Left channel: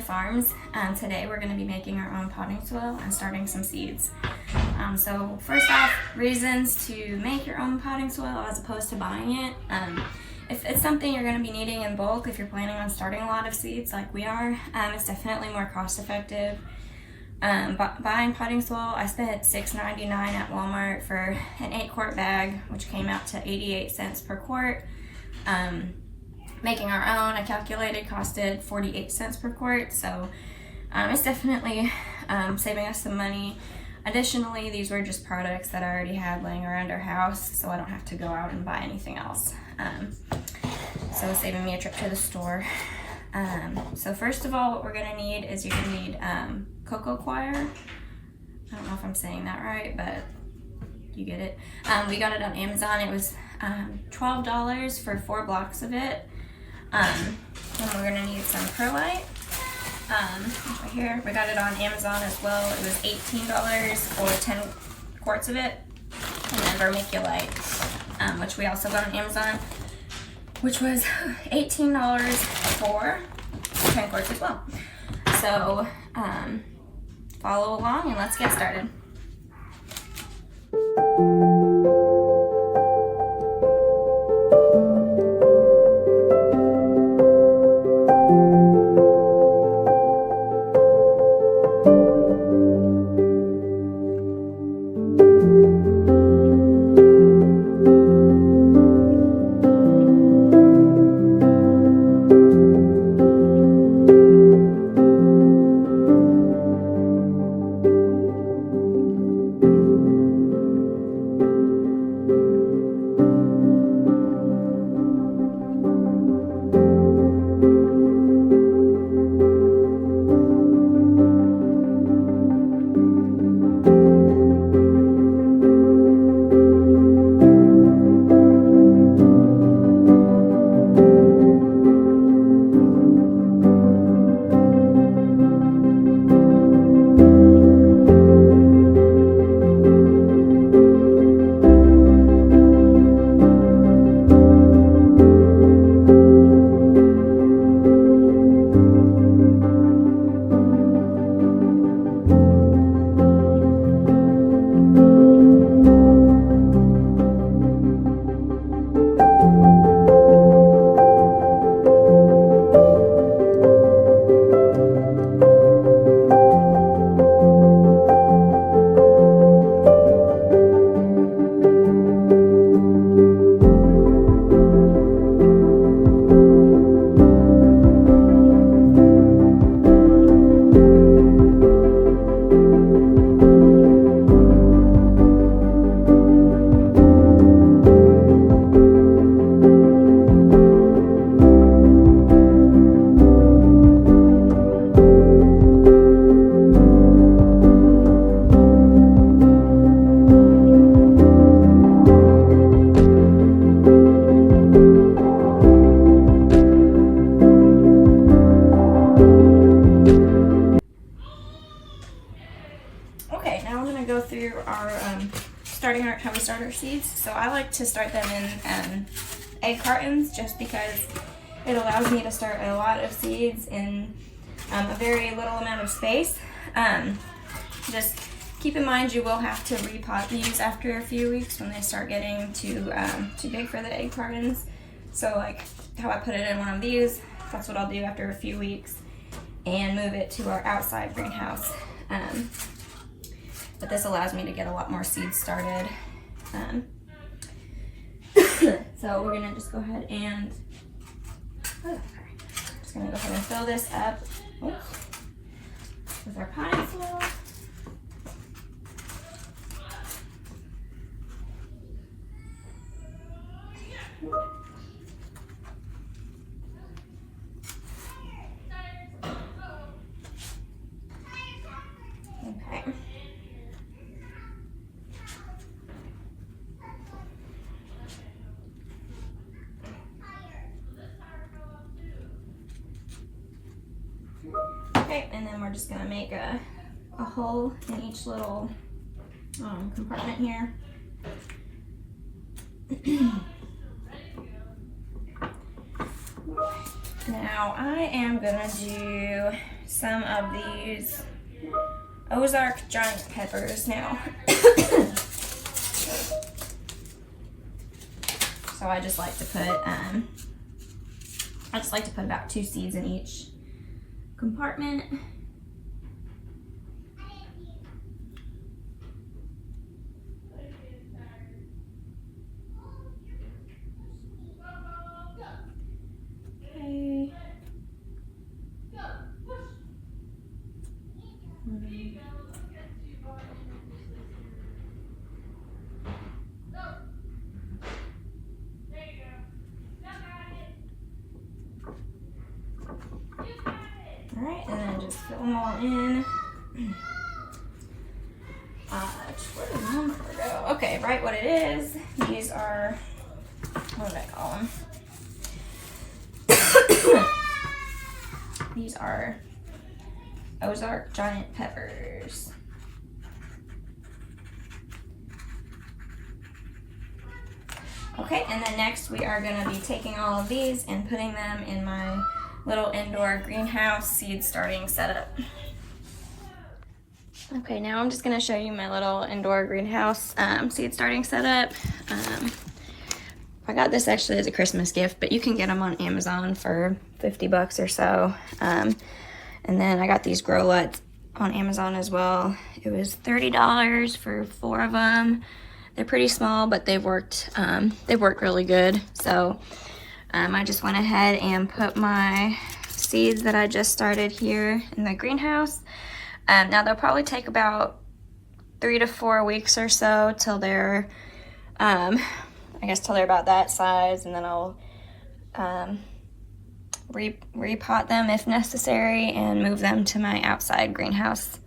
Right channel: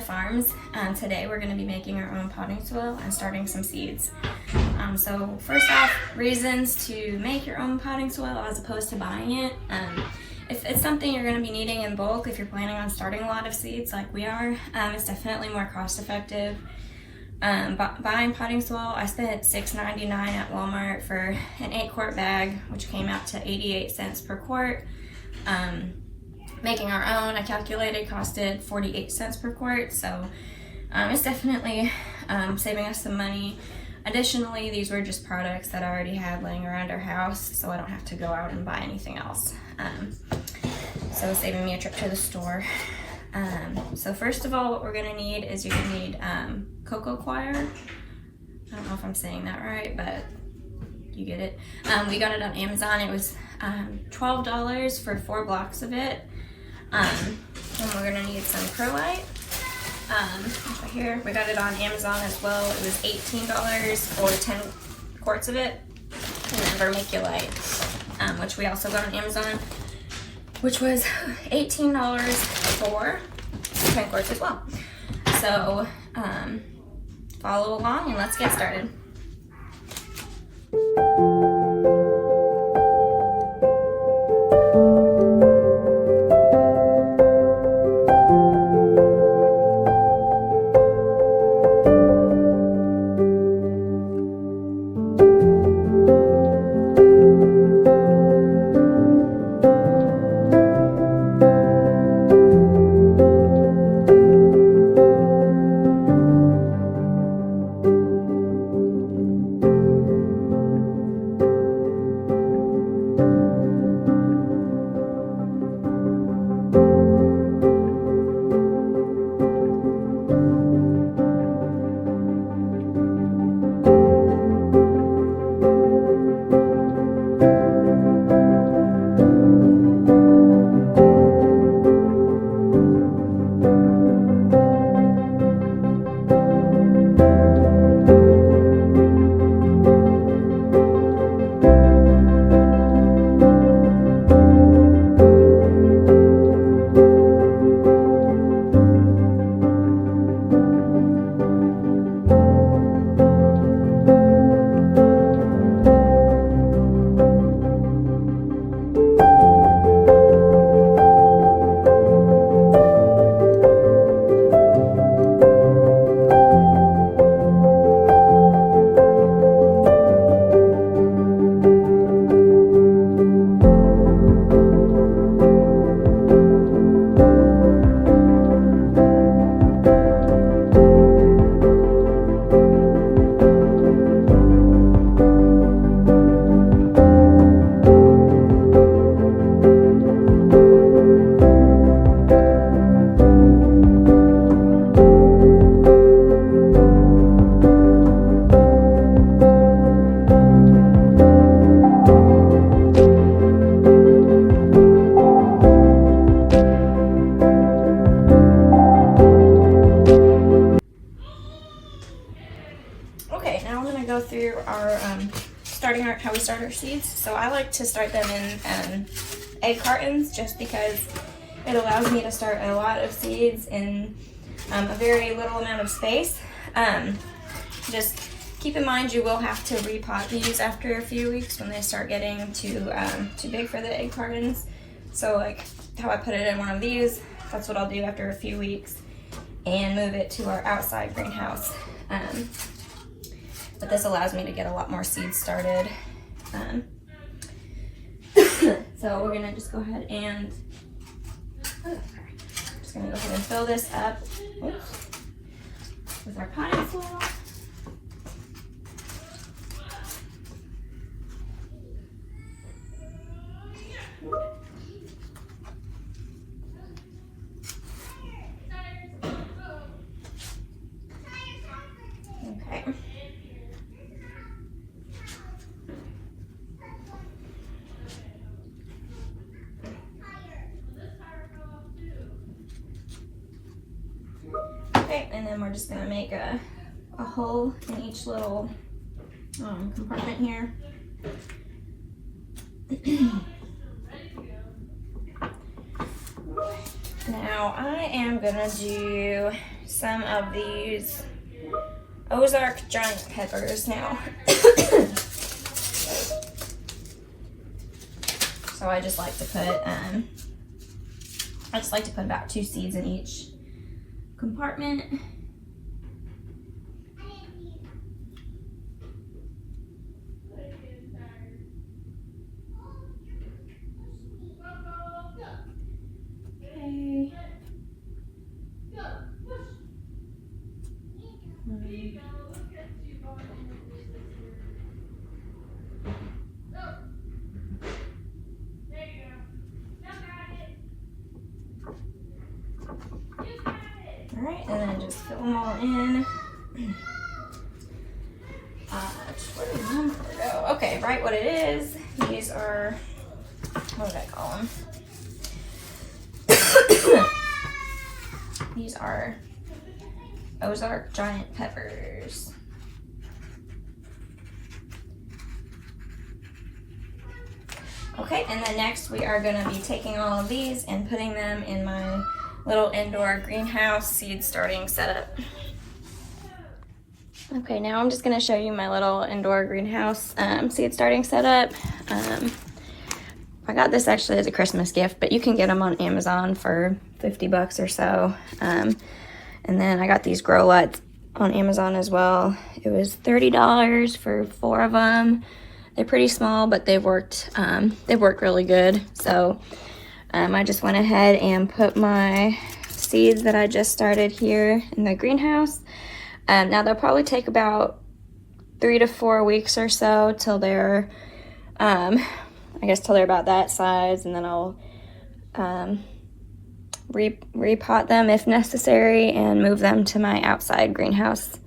Farms. Today we're going to be making our own potting soil and starting some seeds. So first off, reasons to make your own potting soil as opposed to buying it. If it's something you're going to be needing in bulk, if you're planning on starting a lot of seeds like we are, it's definitely more cost effective. Buying potting soil, I spent $6.99 at Walmart for an 8-quart bag, which came out to 88 cents per quart. Making our own, I calculated, costed 48 cents per quart, so it's definitely saving us some money. Additionally, these were just products that I already had laying around our house, so I don't have to go out and buy anything else. So saving me a trip to the store. So first of all, what we're gonna need is you're gonna need Coco Coir. I don't know if I'm saying that right, but you get it. We got it on Amazon. It was $12 for 4 blocks of it. And we're gonna need some perlite. Right here, we got it on Amazon as well. It was $18 for 10 quarts of it. And then vermiculite, which we also got on Amazon, which was $18 for 10 quarts as well. So follow along and let's get started. Okay, now we're gonna go through our how we start our seeds. So I like to start them in egg cartons just because it allows me to start a lot of seeds in a very little amount of space. Just keep in mind you will have to repot these after a few weeks when they start getting too big for the egg cartons. So like how I put it in one of these, that's what I'll do after a few weeks and move it to our outside greenhouse. But this allows me to get a lot more seeds started. So we're gonna just go ahead and fill this up with our potting soil. Okay. Okay, and then we're just gonna make a hole in each little compartment here. Now I am gonna do some of these Ozark giant peppers now. So I just like to put about 2 seeds in each compartment. Okay. Alright, and then just fill them all in. Where did my number go? Okay, right what it is. These are, what did I call them? These are Ozark giant peppers. Okay, and then next we are going to be taking all of these and putting them in my little indoor greenhouse seed starting setup. Okay, now I'm just going to show you my little indoor greenhouse seed starting setup. I got this actually as a Christmas gift, but you can get them on Amazon for 50 bucks or so. And then I got these grow lights on Amazon as well. It was $30 for 4 of them. They're pretty small, but they worked really good. So I just went ahead and put my seeds that I just started here in the greenhouse. Now they'll probably take about 3 to 4 weeks or so till they're, I guess till they're about that size, and then I'll repot them if necessary and move them to my outside greenhouse.